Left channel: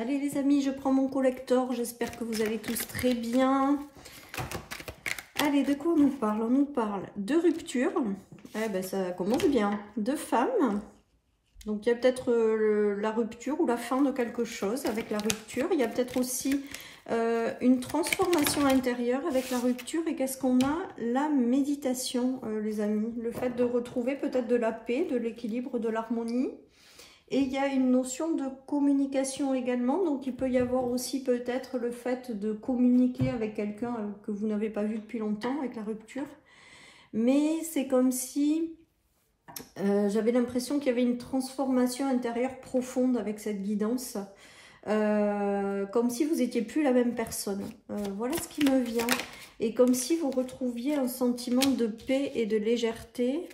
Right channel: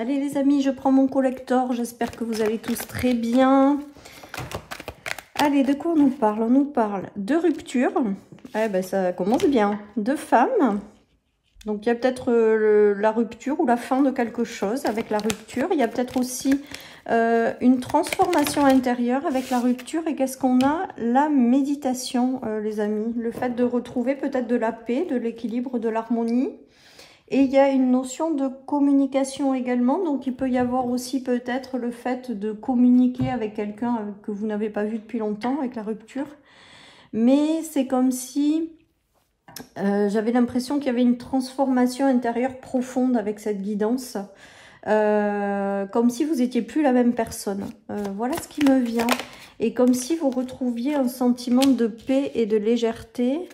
Allez les amis, je prends mon collector. J'espère que vous allez tous très bien. Allez, de quoi on nous parle? On nous parle de rupture. Eh ben, ça commence bien. De femme. Donc il y a peut-être la rupture ou la fin de quelque chose avec la rupture. Il y a peut-être aussi une transformation intérieure avec la rupture. Et qu'est-ce qu'on a? La méditation, les amis. Le fait de retrouver peut-être de la paix, de l'équilibre, de l'harmonie. Et il y a une notion de communication également. Donc il peut y avoir aussi peut-être le fait de communiquer avec quelqu'un que vous n'avez pas vu depuis longtemps avec la rupture. Mais c'est comme si j'avais l'impression qu'il y avait une transformation intérieure profonde avec cette guidance. Comme si vous n'étiez plus la même personne. Voilà ce qui me vient. Et comme si vous retrouviez un sentiment de paix et de légèreté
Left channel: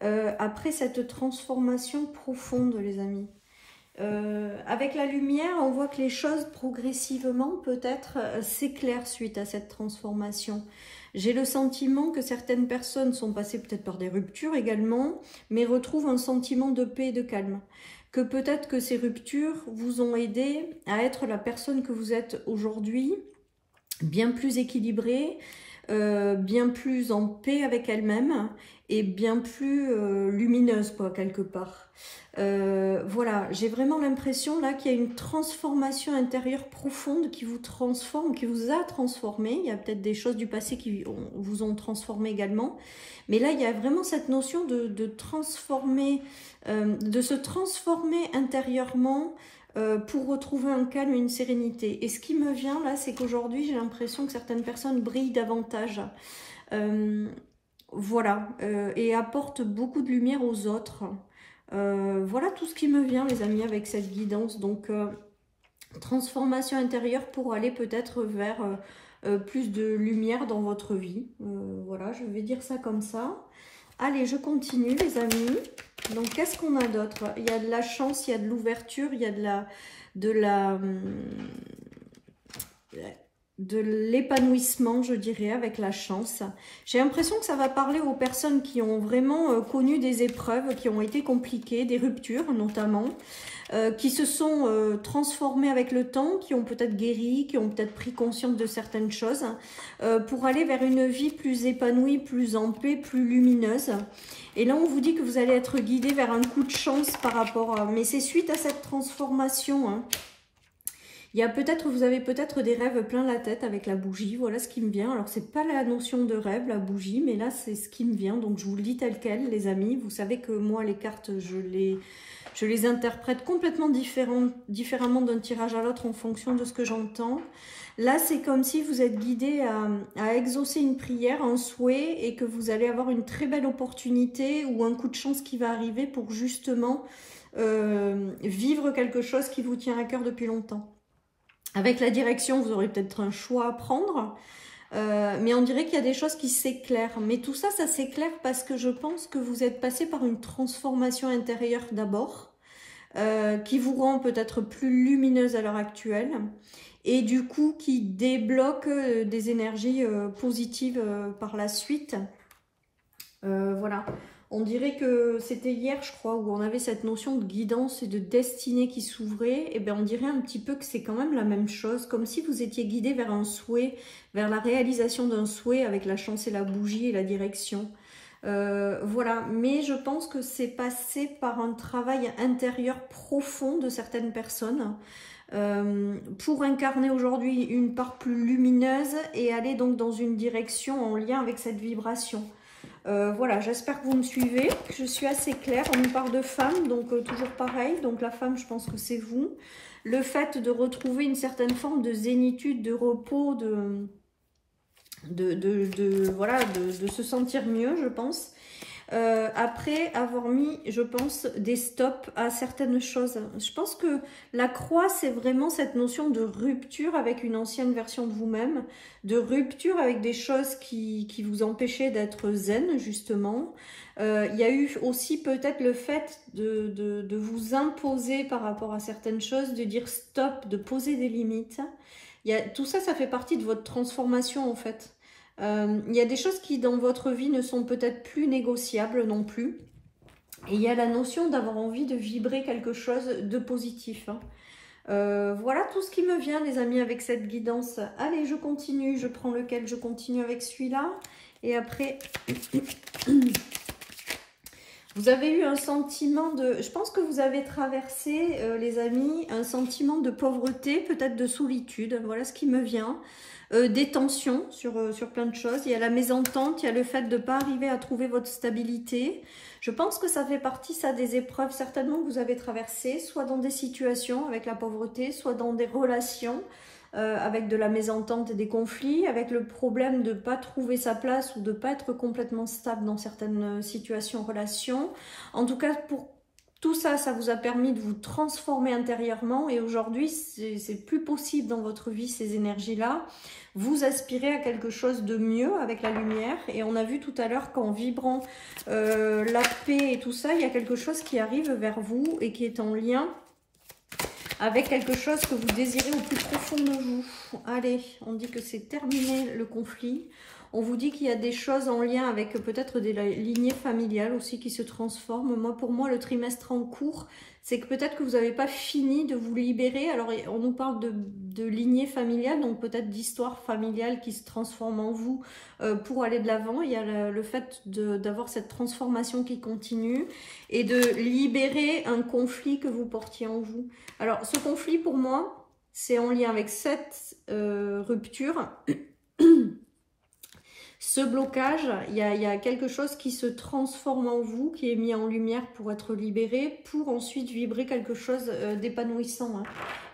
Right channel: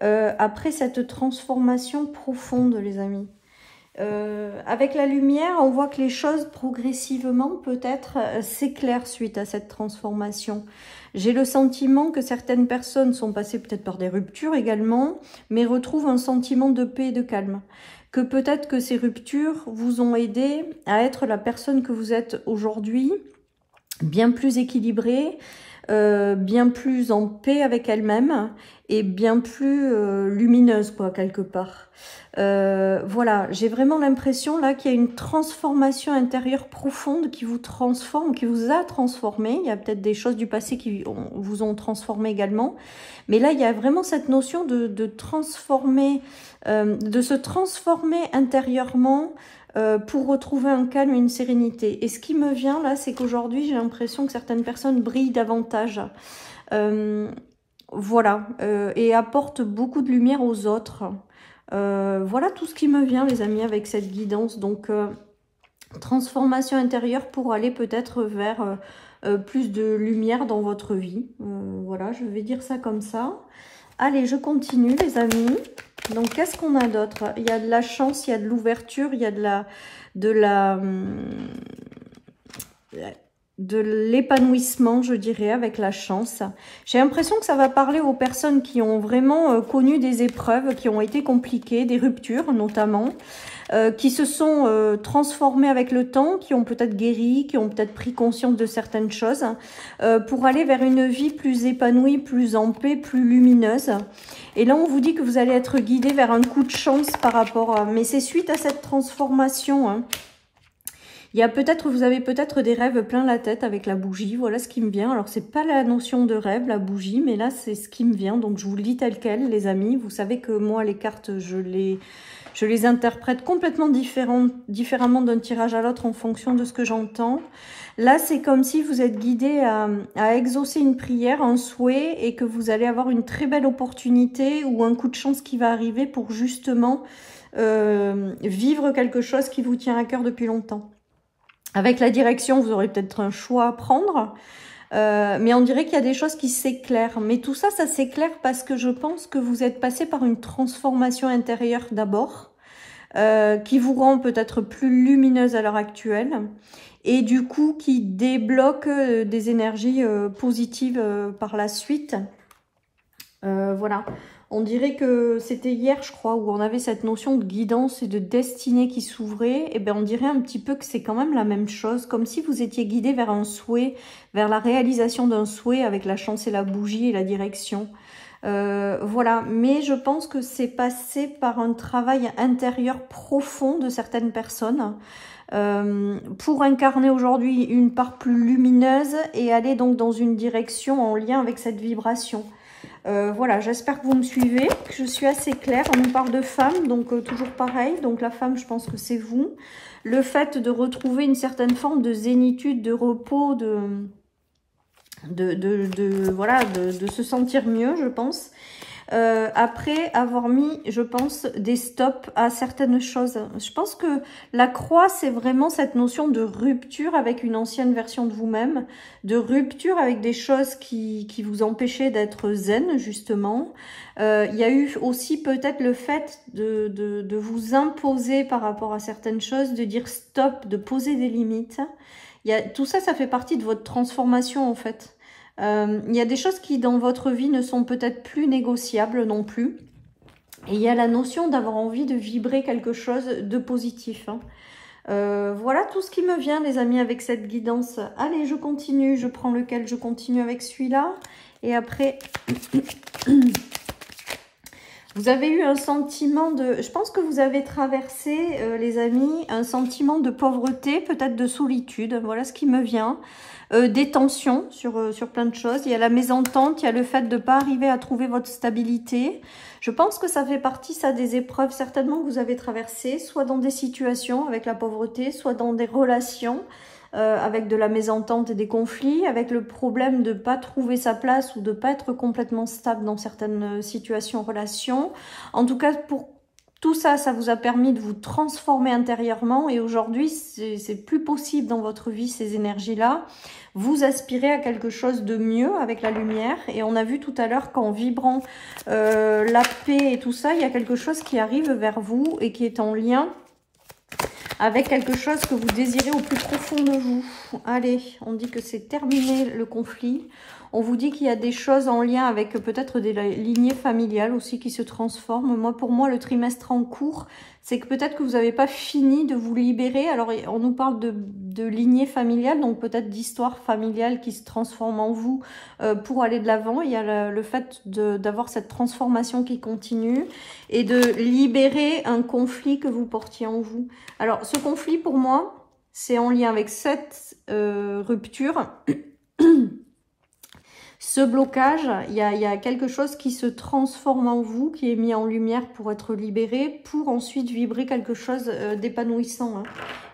après cette transformation profonde, les amis. Avec la lumière, on voit que les choses progressivement peut-être s'éclairent suite à cette transformation. J'ai le sentiment que certaines personnes sont passées peut-être par des ruptures également, mais retrouvent un sentiment de paix et de calme. Que peut-être que ces ruptures vous ont aidé à être la personne que vous êtes aujourd'hui, bien plus équilibrée, bien plus en paix avec elle-même et bien plus lumineuse, quoi, quelque part. Voilà, j'ai vraiment l'impression là qu'il y a une transformation intérieure profonde qui vous transforme, qui vous a transformé. Il y a peut-être des choses du passé qui vous ont transformé également. Mais là, il y a vraiment cette notion de transformer, de se transformer intérieurement pour retrouver un calme et une sérénité. Et ce qui me vient là, c'est qu'aujourd'hui, j'ai l'impression que certaines personnes brillent davantage. Voilà, et apportent beaucoup de lumière aux autres. Voilà tout ce qui me vient, les amis, avec cette guidance. Donc, transformation intérieure pour aller peut-être vers plus de lumière dans votre vie. Voilà, je vais dire ça comme ça. Allez, je continue, les amis. Donc, qu'est-ce qu'on a d'autre? Il y a de la chance, il y a de l'ouverture, il y a de l'épanouissement, je dirais, avec la chance. J'ai l'impression que ça va parler aux personnes qui ont vraiment connu des épreuves qui ont été compliquées, des ruptures notamment, qui se sont transformées avec le temps, qui ont peut-être guéri, qui ont peut-être pris conscience de certaines choses, pour aller vers une vie plus épanouie, plus en paix, plus lumineuse. Et là, on vous dit que vous allez être guidé vers un coup de chance par rapport à... Mais c'est suite à cette transformation, hein. Il y a peut-être, vous avez peut-être des rêves plein la tête avec la bougie. Voilà ce qui me vient. Alors, c'est pas la notion de rêve, la bougie, mais là, c'est ce qui me vient. Donc, je vous le dis tel quel, les amis. Vous savez que moi, les cartes, je les interprète complètement différemment d'un tirage à l'autre en fonction de ce que j'entends. Là, c'est comme si vous êtes guidé à exaucer une prière, un souhait, et que vous allez avoir une très belle opportunité ou un coup de chance qui va arriver pour justement vivre quelque chose qui vous tient à cœur depuis longtemps. Avec la direction, vous aurez peut-être un choix à prendre, mais on dirait qu'il y a des choses qui s'éclairent. Mais tout ça, ça s'éclaire parce que je pense que vous êtes passé par une transformation intérieure d'abord, qui vous rend peut-être plus lumineuse à l'heure actuelle, et du coup qui débloque des énergies positives par la suite. Voilà. On dirait que c'était hier, je crois, où on avait cette notion de guidance et de destinée qui s'ouvrait. Et bien, on dirait un petit peu que c'est quand même la même chose, comme si vous étiez guidé vers un souhait, vers la réalisation d'un souhait avec la chance et la bougie et la direction. Voilà, mais je pense que c'est passé par un travail intérieur profond de certaines personnes pour incarner aujourd'hui une part plus lumineuse et aller donc dans une direction en lien avec cette vibration. Voilà, j'espère que vous me suivez, que je suis assez claire. On nous parle de femme, donc toujours pareil. Donc la femme, je pense que c'est vous. Le fait de retrouver une certaine forme de zénitude, de repos, voilà, de se sentir mieux, je pense. Après avoir mis, je pense, des stops à certaines choses. Je pense que la croix, c'est vraiment cette notion de rupture avec une ancienne version de vous-même, de rupture avec des choses qui vous empêchaient d'être zen, justement. Il y a eu aussi peut-être le fait de vous imposer par rapport à certaines choses, de dire stop, de poser des limites. Tout ça, ça fait partie de votre transformation, en fait. Il y a des choses qui dans votre vie ne sont peut-être plus négociables non plus. Et il y a la notion d'avoir envie de vibrer quelque chose de positif. Hein. Voilà tout ce qui me vient, les amis, avec cette guidance. Allez, je continue. Je prends lequel? Je continue avec celui-là. Et après, vous avez eu un sentiment de... Je pense que vous avez traversé, les amis, un sentiment de pauvreté, peut-être de solitude. Voilà ce qui me vient. Des tensions sur plein de choses. Il y a la mésentente, il y a le fait de ne pas arriver à trouver votre stabilité. Je pense que ça fait partie, ça, des épreuves certainement que vous avez traversées, soit dans des situations avec la pauvreté, soit dans des relations avec de la mésentente et des conflits, avec le problème de ne pas trouver sa place ou de ne pas être complètement stable dans certaines situations, relations. En tout cas, pour tout ça, ça vous a permis de vous transformer intérieurement et aujourd'hui, c'est plus possible dans votre vie, ces énergies-là. Vous aspirez à quelque chose de mieux avec la lumière et on a vu tout à l'heure qu'en vibrant la paix et tout ça, il y a quelque chose qui arrive vers vous et qui est en lien avec quelque chose que vous désirez au plus profond de vous. Allez, on dit que c'est terminé le conflit. On vous dit qu'il y a des choses en lien avec peut-être des lignées familiales aussi qui se transforment. Moi, pour moi, le trimestre en cours, c'est que peut-être que vous n'avez pas fini de vous libérer. Alors, on nous parle de lignée familiale, donc peut-être d'histoire familiale qui se transforme en vous pour aller de l'avant. Il y a le fait d'avoir cette transformation qui continue et de libérer un conflit que vous portiez en vous. Alors, ce conflit, pour moi, c'est en lien avec cette rupture. Ce blocage, il y a quelque chose qui se transforme en vous, qui est mis en lumière pour être libéré, pour ensuite vibrer quelque chose d'épanouissant. Hein.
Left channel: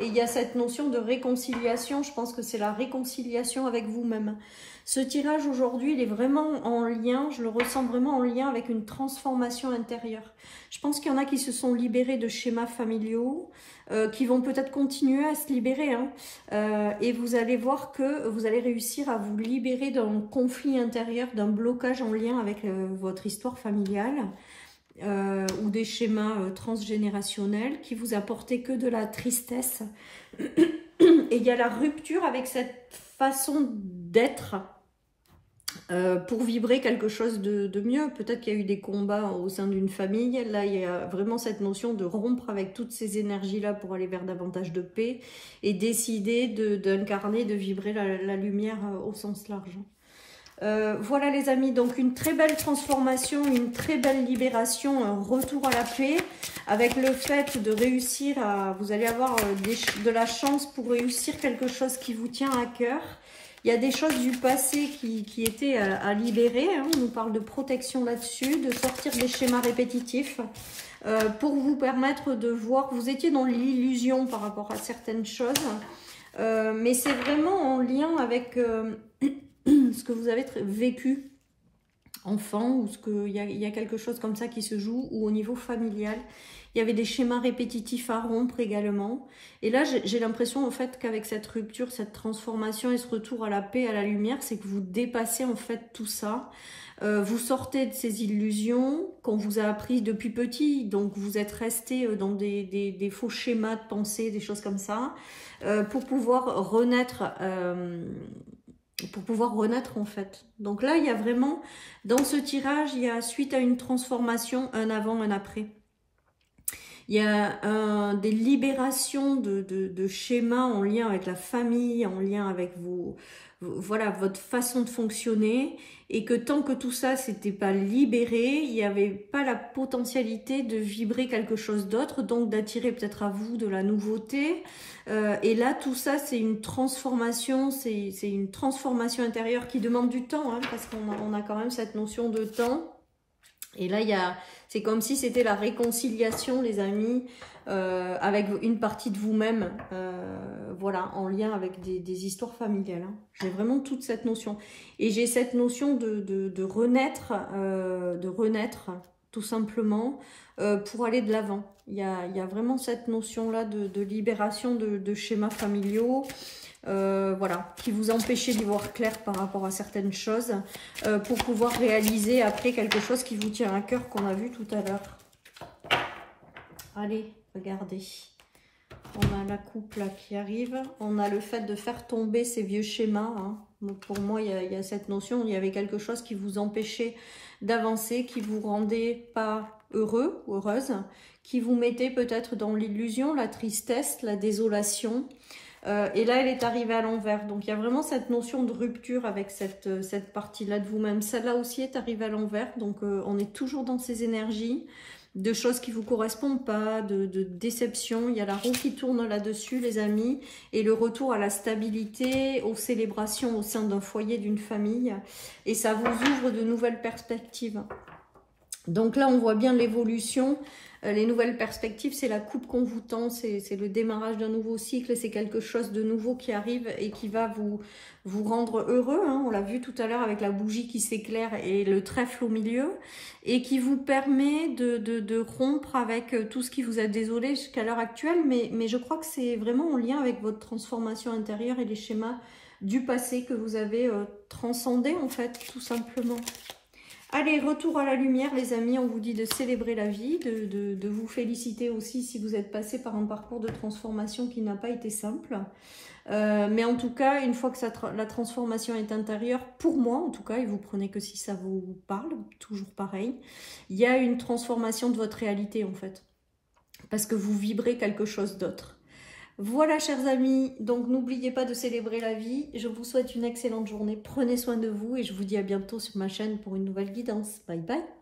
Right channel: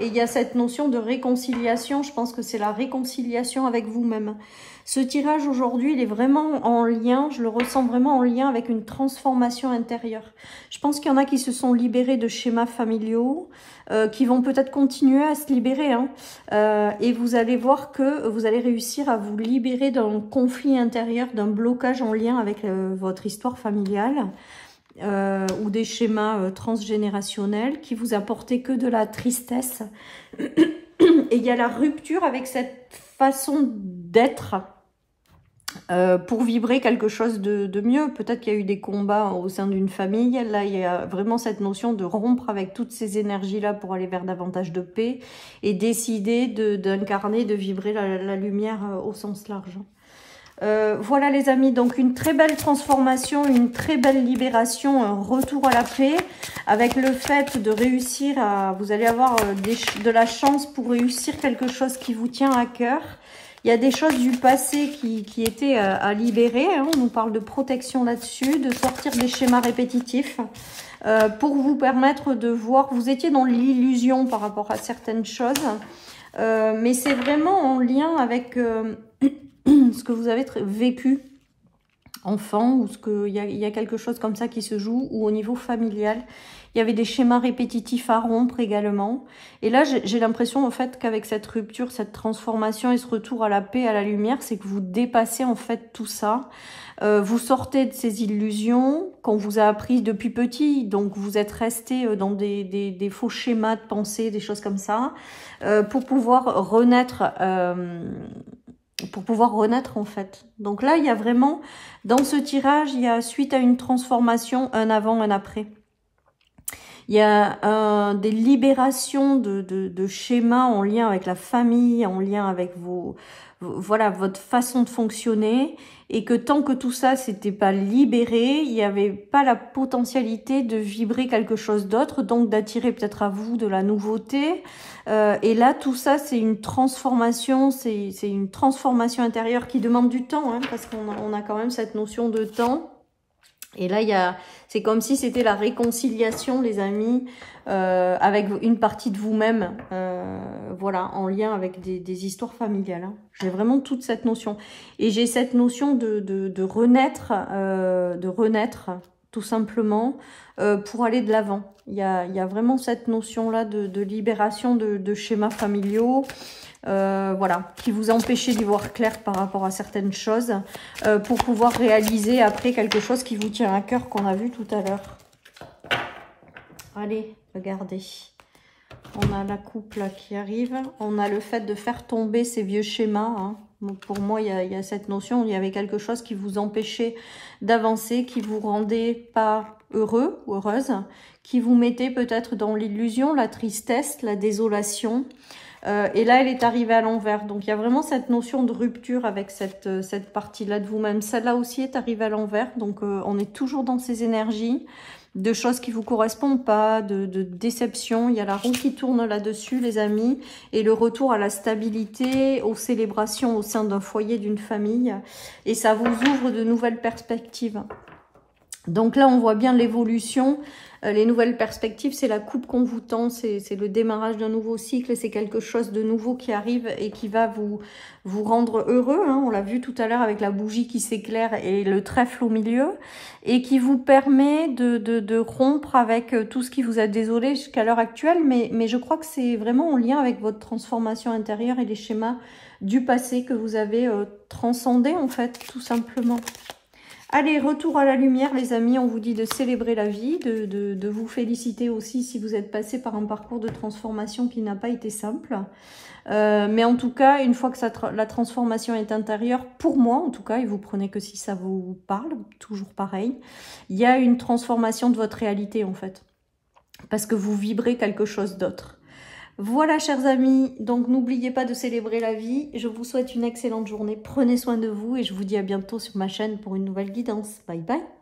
Et il y a cette notion de réconciliation, je pense que c'est la réconciliation avec vous-même. Ce tirage aujourd'hui, il est vraiment en lien, je le ressens vraiment en lien avec une transformation intérieure. Je pense qu'il y en a qui se sont libérés de schémas familiaux, qui vont peut-être continuer à se libérer. Hein. Et vous allez voir que vous allez réussir à vous libérer d'un conflit intérieur, d'un blocage en lien avec votre histoire familiale ou des schémas transgénérationnels qui vous apportaient que de la tristesse. Et il y a la rupture avec cette façon d'être pour vibrer quelque chose de mieux. Peut-être qu'il y a eu des combats au sein d'une famille. Là, il y a vraiment cette notion de rompre avec toutes ces énergies-là pour aller vers davantage de paix et décider d'incarner, de vibrer la lumière au sens large. Voilà les amis, donc une très belle transformation, une très belle libération, un retour à la paix avec le fait de réussir à... Vous allez avoir de la chance pour réussir quelque chose qui vous tient à cœur. Il y a des choses du passé qui étaient à libérer. Hein. On nous parle de protection là-dessus, de sortir des schémas répétitifs pour vous permettre de voir. Vous étiez dans l'illusion par rapport à certaines choses, mais c'est vraiment en lien avec ce que vous avez vécu enfant ou il y a quelque chose comme ça qui se joue ou au niveau familial. Il y avait des schémas répétitifs à rompre également. Et là, j'ai l'impression en fait qu'avec cette rupture, cette transformation et ce retour à la paix, à la lumière, c'est que vous dépassez en fait tout ça. Vous sortez de ces illusions qu'on vous a appris depuis petit. Donc, vous êtes resté dans des faux schémas de pensée, des choses comme ça, pour pouvoir renaître... en fait. Donc là, il y a vraiment, dans ce tirage, il y a suite à une transformation, un avant, un après. Il y a des libérations de schémas en lien avec la famille, en lien avec voilà, votre façon de fonctionner. Et que tant que tout ça s'était pas libéré, il n'y avait pas la potentialité de vibrer quelque chose d'autre, donc d'attirer peut-être à vous de la nouveauté. Et là, tout ça, c'est une transformation, c'est une transformation intérieure qui demande du temps, hein, parce qu'on a quand même cette notion de temps. Et là, c'est comme si c'était la réconciliation, les amis, avec une partie de vous-même, voilà, en lien avec des histoires familiales. Hein. J'ai vraiment toute cette notion. Et j'ai cette notion de renaître, tout simplement, pour aller de l'avant. Il y a vraiment cette notion-là de libération de schémas familiaux, voilà, qui vous empêchez d'y voir clair par rapport à certaines choses, pour pouvoir réaliser après quelque chose qui vous tient à cœur, qu'on a vu tout à l'heure. Allez, regardez. On a la coupe là qui arrive. On a le fait de faire tomber ces vieux schémas. Hein. Donc, pour moi, il y a cette notion, il y avait quelque chose qui vous empêchait d'avancer, qui vous rendait pas heureux ou heureuse, qui vous mettait peut-être dans l'illusion, la tristesse, la désolation. Et là, elle est arrivée à l'envers. Donc, il y a vraiment cette notion de rupture avec cette partie-là de vous-même. Celle-là aussi est arrivée à l'envers. Donc, on est toujours dans ces énergies de choses qui ne vous correspondent pas, de déception. Il y a la roue qui tourne là-dessus, les amis. Et le retour à la stabilité, aux célébrations au sein d'un foyer, d'une famille. Et ça vous ouvre de nouvelles perspectives. Donc là, on voit bien l'évolution. Les nouvelles perspectives, c'est la coupe qu'on vous tend, c'est le démarrage d'un nouveau cycle, c'est quelque chose de nouveau qui arrive et qui va vous rendre heureux. Hein. On l'a vu tout à l'heure avec la bougie qui s'éclaire et le trèfle au milieu, et qui vous permet de rompre avec tout ce qui vous a désolé jusqu'à l'heure actuelle, mais je crois que c'est vraiment en lien avec votre transformation intérieure et les schémas du passé que vous avez transcendé, en fait, tout simplement. Allez, retour à la lumière, les amis. On vous dit de célébrer la vie, de vous féliciter aussi si vous êtes passé par un parcours de transformation qui n'a pas été simple. Mais en tout cas, une fois que la transformation est intérieure, pour moi en tout cas, et vous prenez que si ça vous parle, toujours pareil, il y a une transformation de votre réalité en fait. Parce que vous vibrez quelque chose d'autre. Voilà, chers amis, donc n'oubliez pas de célébrer la vie. Je vous souhaite une excellente journée. Prenez soin de vous et je vous dis à bientôt sur ma chaîne pour une nouvelle guidance. Bye bye.